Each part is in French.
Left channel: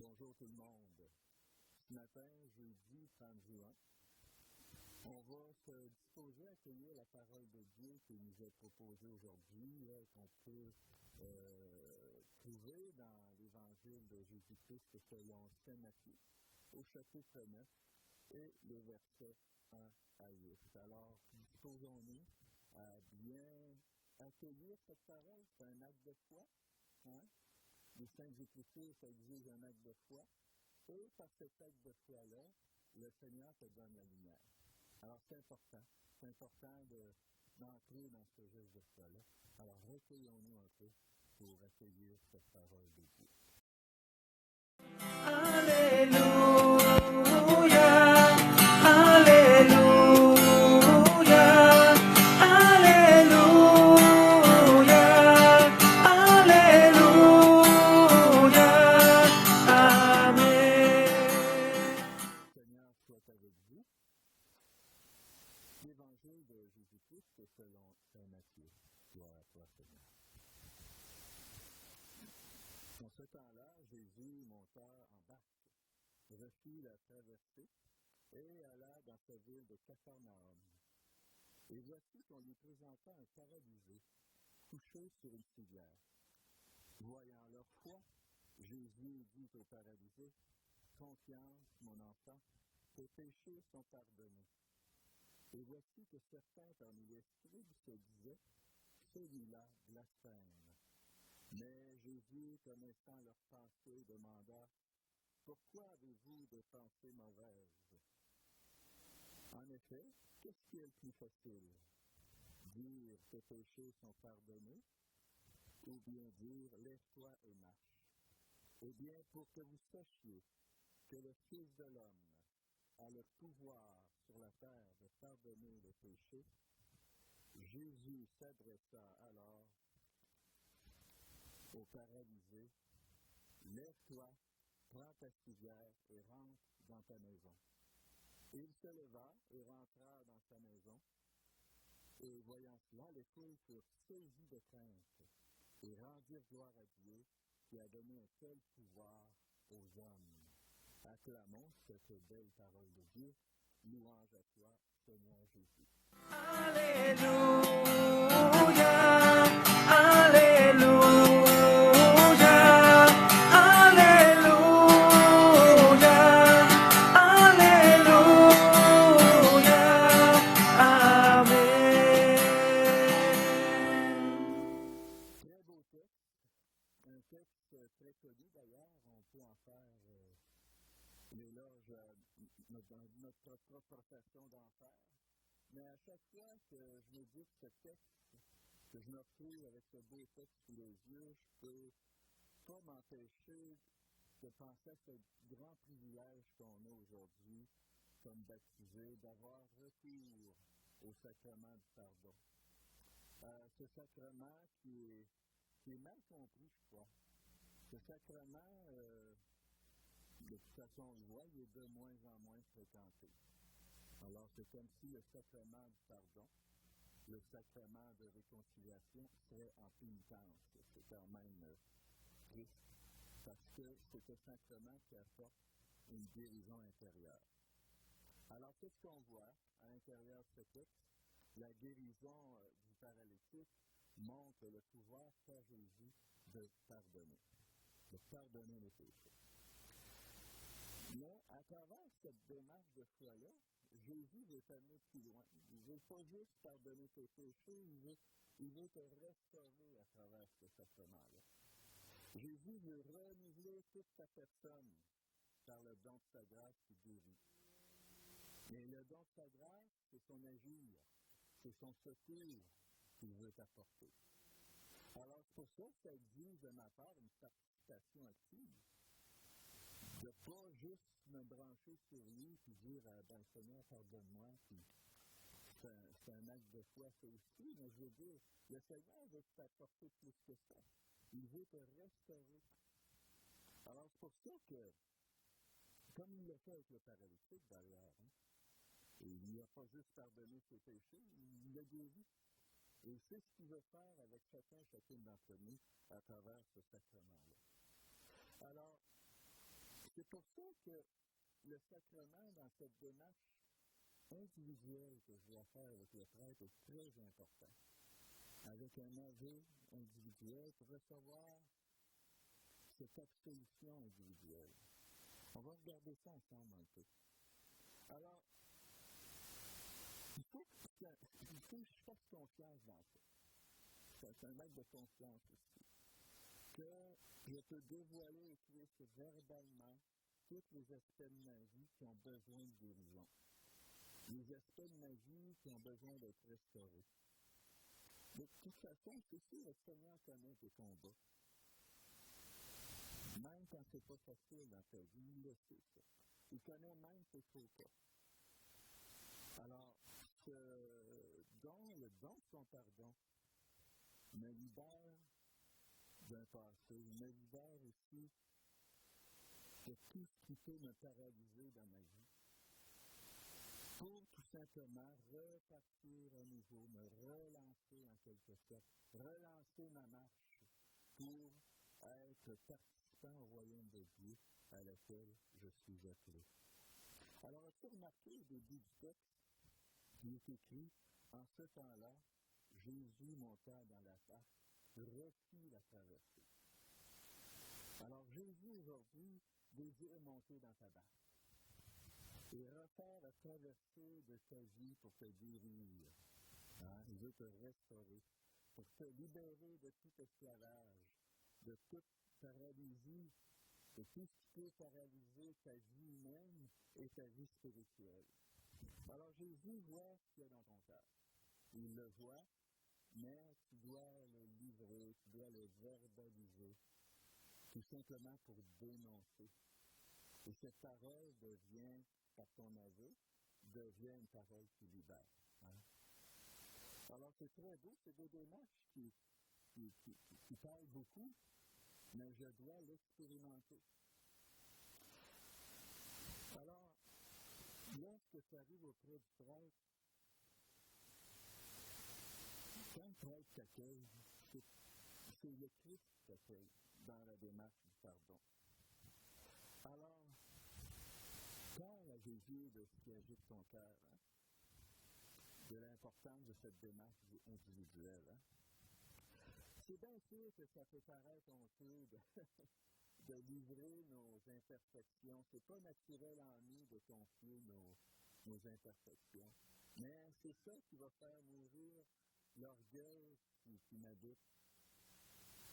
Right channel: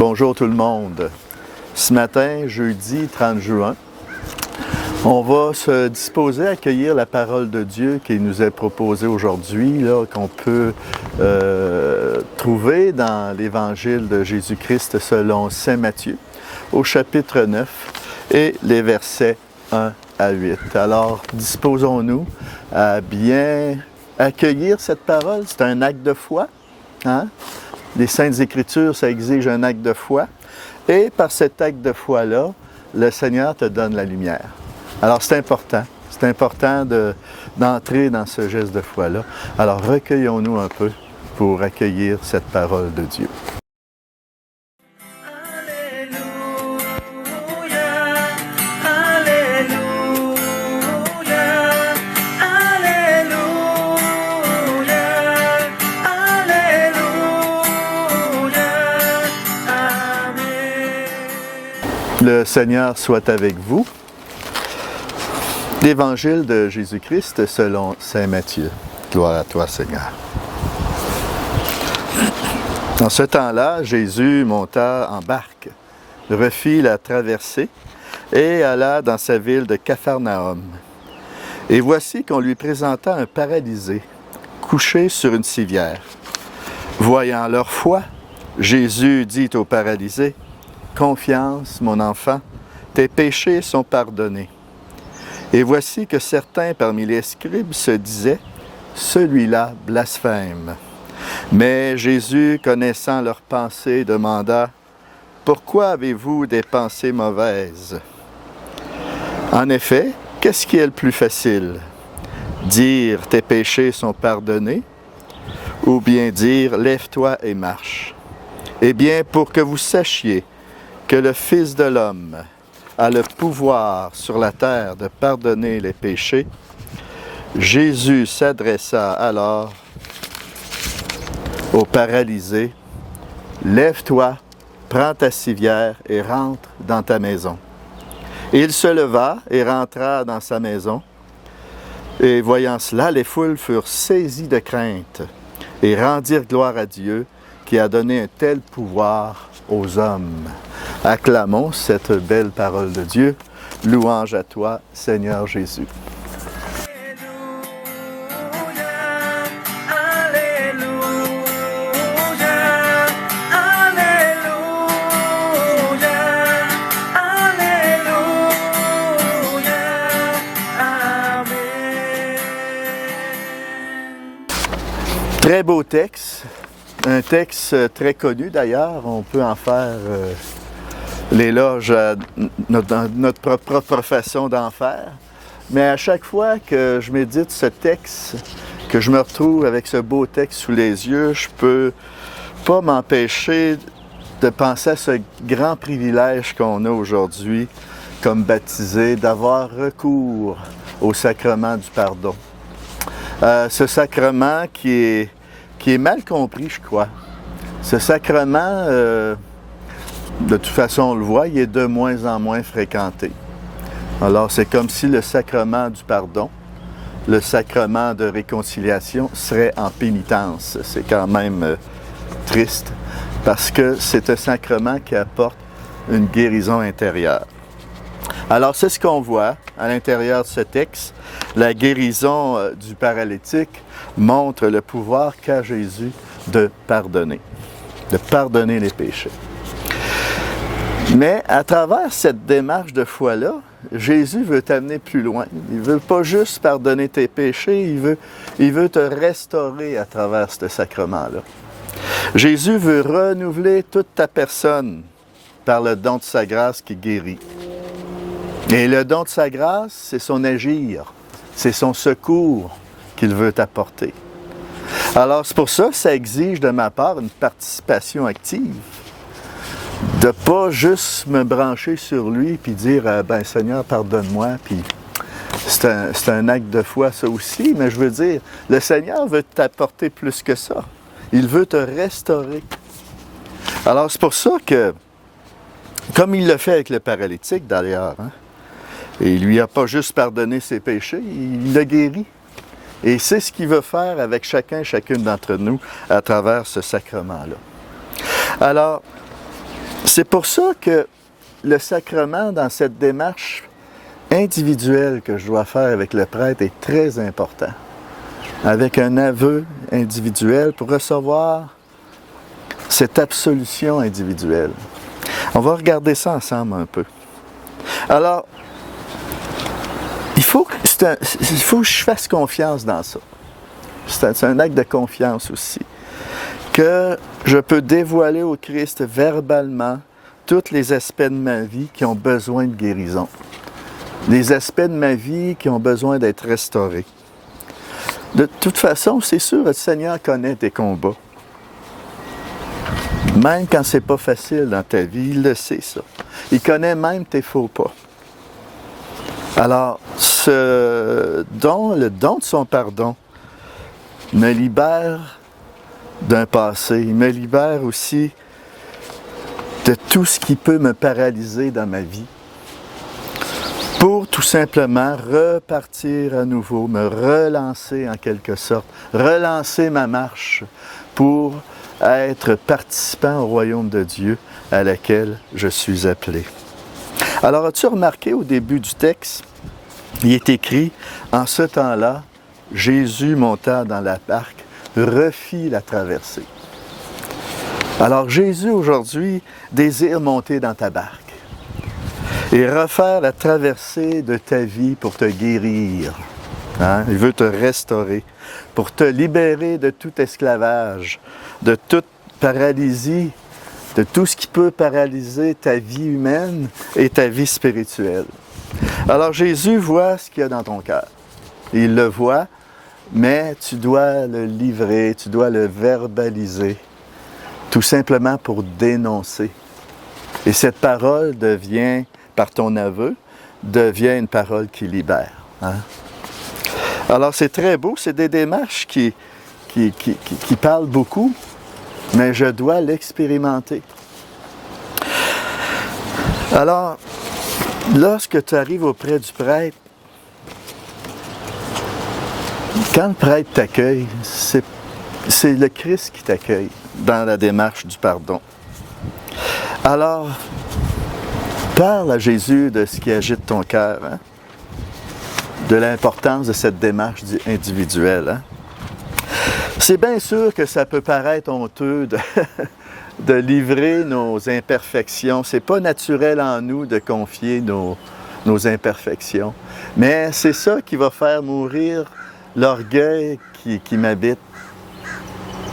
Bonjour tout le monde. Ce matin, jeudi 30 juin, on va se disposer à accueillir la parole de Dieu qui nous est proposée aujourd'hui, qu'on peut trouver dans l'Évangile de Jésus-Christ selon saint Matthieu, au chapitre 9 et les versets 1 à 8. Alors, disposons-nous à bien accueillir cette parole. C'est un acte de foi, hein? Les Saintes Écritures, ça exige un acte de foi. Et par cet acte de foi-là, le Seigneur te donne la lumière. Alors, c'est important. C'est important d'entrer dans ce geste de foi-là. Alors, recueillons-nous un peu pour accueillir cette parole de Dieu. Le Seigneur soit avec vous. L'Évangile de Jésus-Christ selon saint Matthieu. Gloire à toi, Seigneur. En ce temps-là, Jésus monta en barque, refit la traversée et alla dans sa ville de Capharnaüm. Et voici qu'on lui présenta un paralysé, couché sur une civière. Voyant leur foi, Jésus dit au paralysé: « Confiance, mon enfant, tes péchés sont pardonnés. » Et voici que certains parmi les scribes se disaient: « Celui-là blasphème. » Mais Jésus, connaissant leurs pensées, demanda: « Pourquoi avez-vous des pensées mauvaises? » En effet, qu'est-ce qui est le plus facile? Dire « Tes péchés sont pardonnés » ou bien dire « Lève-toi et marche ». Eh bien, pour que vous sachiez que le Fils de l'homme a le pouvoir sur la terre de pardonner les péchés, Jésus s'adressa alors au paralysé: « Lève-toi, prends ta civière et rentre dans ta maison. » Et il se leva et rentra dans sa maison. Et voyant cela, les foules furent saisies de crainte et rendirent gloire à Dieu qui a donné un tel pouvoir aux hommes. Acclamons cette belle parole de Dieu. Louange à toi, Seigneur Jésus. Très beau texte, un texte très connu d'ailleurs, on peut en faire l'éloge à notre propre façon d'en faire. Mais à chaque fois que je médite ce texte, que je me retrouve avec ce beau texte sous les yeux, je peux pas m'empêcher de penser à ce grand privilège qu'on a aujourd'hui comme baptisé, d'avoir recours au sacrement du pardon. Ce sacrement qui est mal compris, je crois. Ce sacrement, de toute façon, on le voit, il est de moins en moins fréquenté. Alors, c'est comme si le sacrement du pardon, le sacrement de réconciliation serait en pénitence. C'est quand même triste, parce que c'est un sacrement qui apporte une guérison intérieure. Alors, c'est ce qu'on voit à l'intérieur de ce texte. La guérison du paralytique montre le pouvoir qu'a Jésus de pardonner les péchés. Mais à travers cette démarche de foi-là, Jésus veut t'amener plus loin. Il ne veut pas juste pardonner tes péchés, il veut te restaurer à travers ce sacrement-là. Jésus veut renouveler toute ta personne par le don de sa grâce qui guérit. Et le don de sa grâce, c'est son agir, c'est son secours qu'il veut t'apporter. Alors c'est pour ça que ça exige de ma part une participation active. De ne pas juste me brancher sur lui puis dire « Ben Seigneur, pardonne-moi », puis c'est un acte de foi ça aussi, mais je veux dire, le Seigneur veut t'apporter plus que ça. Il veut te restaurer. Alors c'est pour ça que, comme il le fait avec le paralytique d'ailleurs, hein, et il ne lui a pas juste pardonné ses péchés, il l'a guéri. Et c'est ce qu'il veut faire avec chacune d'entre nous à travers ce sacrement-là. Alors, C'est pour ça que le sacrement, dans cette démarche individuelle que je dois faire avec le prêtre, est très important. Avec un aveu individuel pour recevoir cette absolution individuelle. On va regarder ça ensemble un peu. Alors, il faut que je fasse confiance dans ça. C'est un acte de confiance aussi. Que je peux dévoiler au Christ verbalement tous les aspects de ma vie qui ont besoin de guérison. Les aspects de ma vie qui ont besoin d'être restaurés. De toute façon, c'est sûr, le Seigneur connaît tes combats. Même quand c'est pas facile dans ta vie, il le sait, ça. Il connaît même tes faux pas. Alors, le don de son pardon me libère d'un passé. Il me libère aussi de tout ce qui peut me paralyser dans ma vie. Pour tout simplement repartir à nouveau, me relancer en quelque sorte, relancer ma marche pour être participant au royaume de Dieu à laquelle je suis appelé. Alors, as-tu remarqué au début du texte, il est écrit, en ce temps-là, Jésus monta dans la barque, refit la traversée. Alors, Jésus aujourd'hui désire monter dans ta barque et refaire la traversée de ta vie pour te guérir. Hein? Il veut te restaurer, pour te libérer de tout esclavage, de toute paralysie, de tout ce qui peut paralyser ta vie humaine et ta vie spirituelle. Alors Jésus voit ce qu'il y a dans ton cœur. Il le voit, mais tu dois le livrer, tu dois le verbaliser, tout simplement pour dénoncer. Et cette parole devient, par ton aveu, devient une parole qui libère. Hein? Alors c'est très beau, c'est des démarches qui parlent beaucoup, mais je dois l'expérimenter. Alors, lorsque tu arrives auprès du prêtre, quand le prêtre t'accueille, c'est le Christ qui t'accueille dans la démarche du pardon. Alors, parle à Jésus de ce qui agite ton cœur, hein? De l'importance de cette démarche individuelle. Hein? C'est bien sûr que ça peut paraître honteux de livrer nos imperfections. C'est pas naturel en nous de confier nos imperfections. Mais c'est ça qui va faire mourir l'orgueil qui m'habite.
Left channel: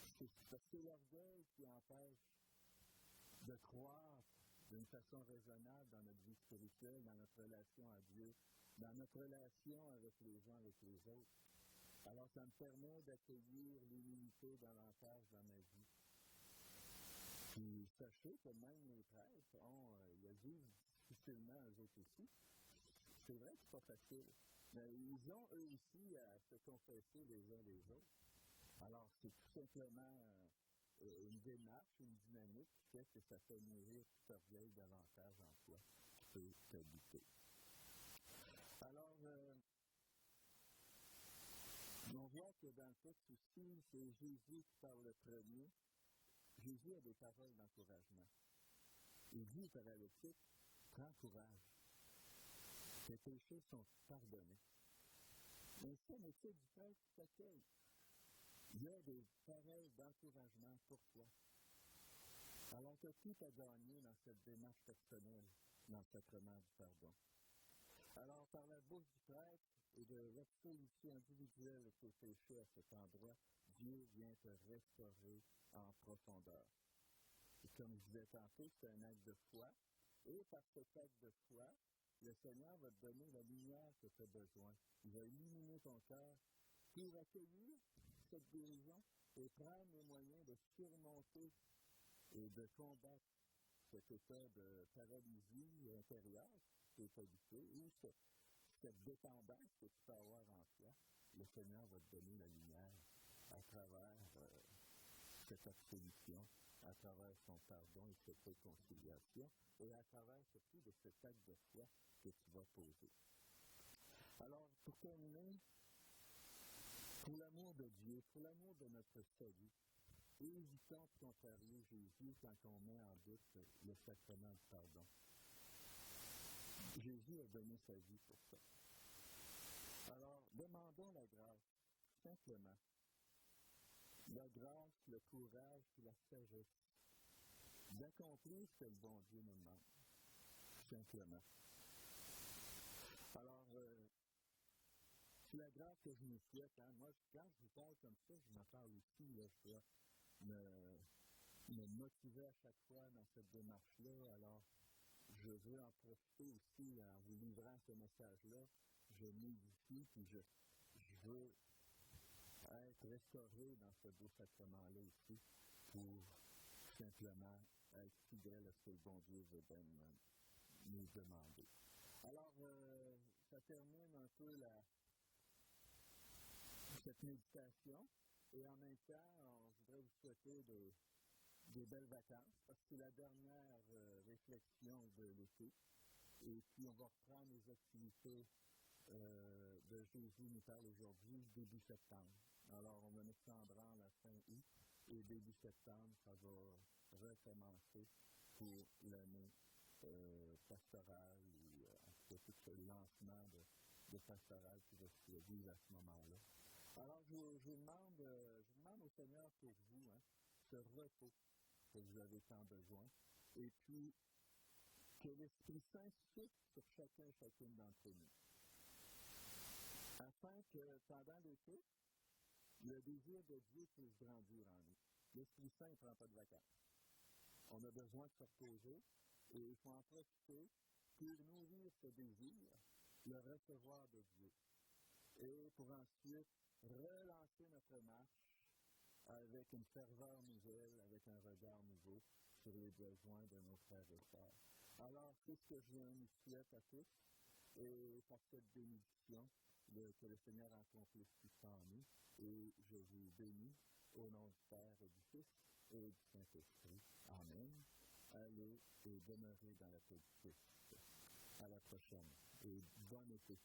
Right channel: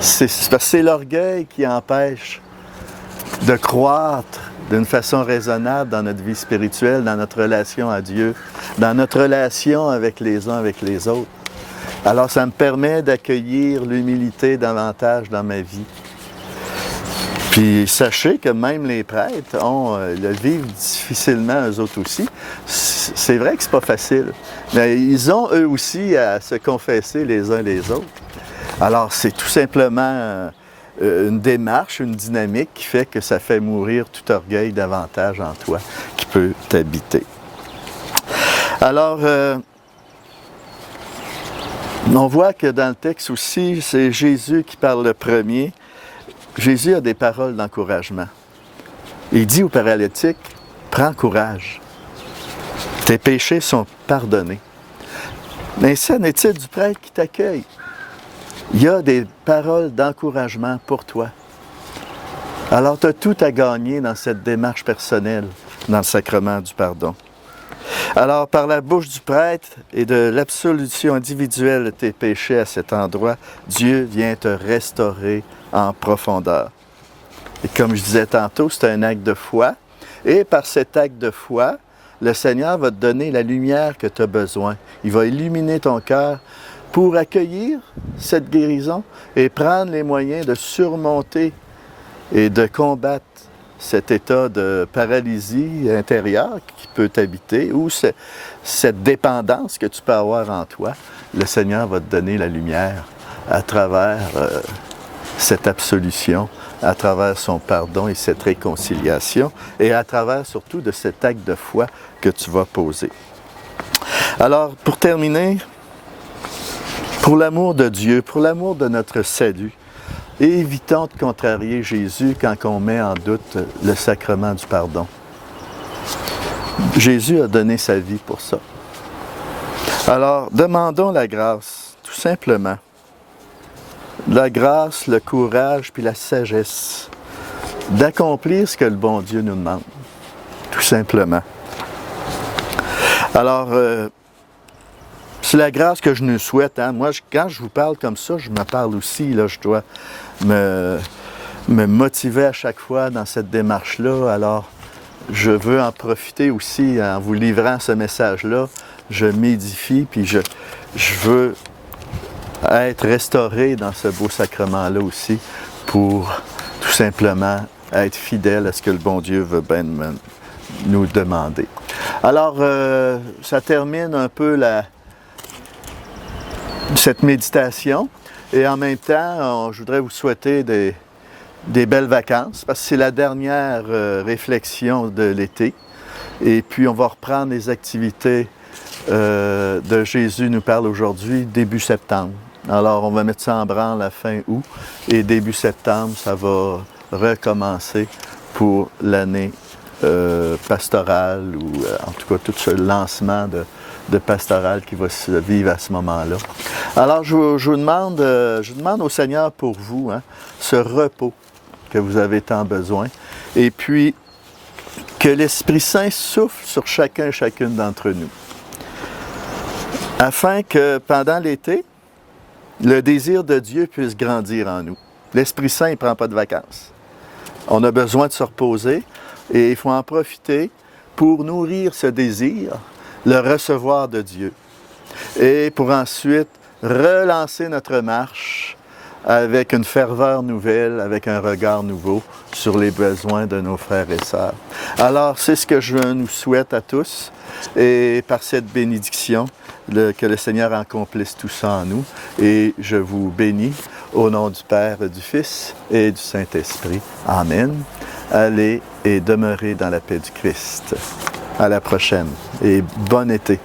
C'est l'orgueil qui empêche de croître d'une façon raisonnable dans notre vie spirituelle, dans notre relation à Dieu, dans notre relation avec les uns avec les autres. Alors, ça me permet d'accueillir l'humilité davantage dans ma vie. Puis, sachez que même les prêtres le vivent difficilement, eux autres aussi. C'est vrai que c'est pas facile, mais ils ont eux aussi à se confesser les uns les autres. Alors, c'est tout simplement une démarche, une dynamique qui fait que ça fait mourir tout orgueil davantage en toi, qui peut t'habiter. Alors, on voit que dans le texte aussi, c'est Jésus qui parle le premier. Jésus a des paroles d'encouragement. Il dit au paralytique, « Prends courage, tes péchés sont pardonnés. » Ainsi en est-il du prêtre qui t'accueille. Il y a des paroles d'encouragement pour toi. Alors, tu as tout à gagner dans cette démarche personnelle, dans le sacrement du pardon. Alors, par la bouche du prêtre et de l'absolution individuelle de tes péchés à cet endroit, Dieu vient te restaurer en profondeur. Et comme je disais tantôt, c'est un acte de foi. Et par cet acte de foi, le Seigneur va te donner la lumière que tu as besoin. Il va illuminer ton cœur pour accueillir cette guérison et prendre les moyens de surmonter et de combattre cet état de paralysie intérieure qui peut t'habiter ou cette dépendance que tu peux avoir en toi. Le Seigneur va te donner la lumière à travers cette absolution, à travers son pardon et cette réconciliation et à travers surtout de cet acte de foi que tu vas poser. Alors, pour terminer, pour l'amour de Dieu, pour l'amour de notre salut, Et évitons de contrarier Jésus quand on met en doute le sacrement du pardon. Jésus a donné sa vie pour ça. Alors, demandons la grâce, tout simplement. La grâce, le courage, puis la sagesse d'accomplir ce que le bon Dieu nous demande, tout simplement. Alors, c'est la grâce que je nous souhaite. Hein? Moi, quand je vous parle comme ça, je me parle aussi. Là, je dois me motiver à chaque fois dans cette démarche-là. Alors, je veux en profiter aussi en vous livrant ce message-là. Je m'édifie, puis je veux être restauré dans ce beau sacrement-là aussi pour tout simplement être fidèle à ce que le bon Dieu veut bien nous demander. Alors, ça termine un peu cette méditation et en même temps, je voudrais vous souhaiter des belles vacances parce que c'est la dernière réflexion de l'été et puis on va reprendre les activités de Jésus nous parle aujourd'hui, début septembre. Alors, on va mettre ça en branle à fin août et début septembre, ça va recommencer pour l'année pastorale ou en tout cas tout ce lancement de pastoral qui va se vivre à ce moment-là. Alors, je vous demande au Seigneur pour vous, hein, ce repos que vous avez tant besoin et puis que l'Esprit Saint souffle sur chacun et chacune d'entre nous. Afin que pendant l'été, le désir de Dieu puisse grandir en nous. L'Esprit Saint ne prend pas de vacances. On a besoin de se reposer et il faut en profiter pour nourrir ce désir, le recevoir de Dieu. Et pour ensuite relancer notre marche avec une ferveur nouvelle, avec un regard nouveau sur les besoins de nos frères et sœurs. Alors, c'est ce que je nous souhaite à tous et par cette bénédiction, que le Seigneur accomplisse tout ça en nous. Et je vous bénis au nom du Père, du Fils et du Saint-Esprit. Amen. Allez et demeurez dans la paix du Christ. À la prochaine et bon été.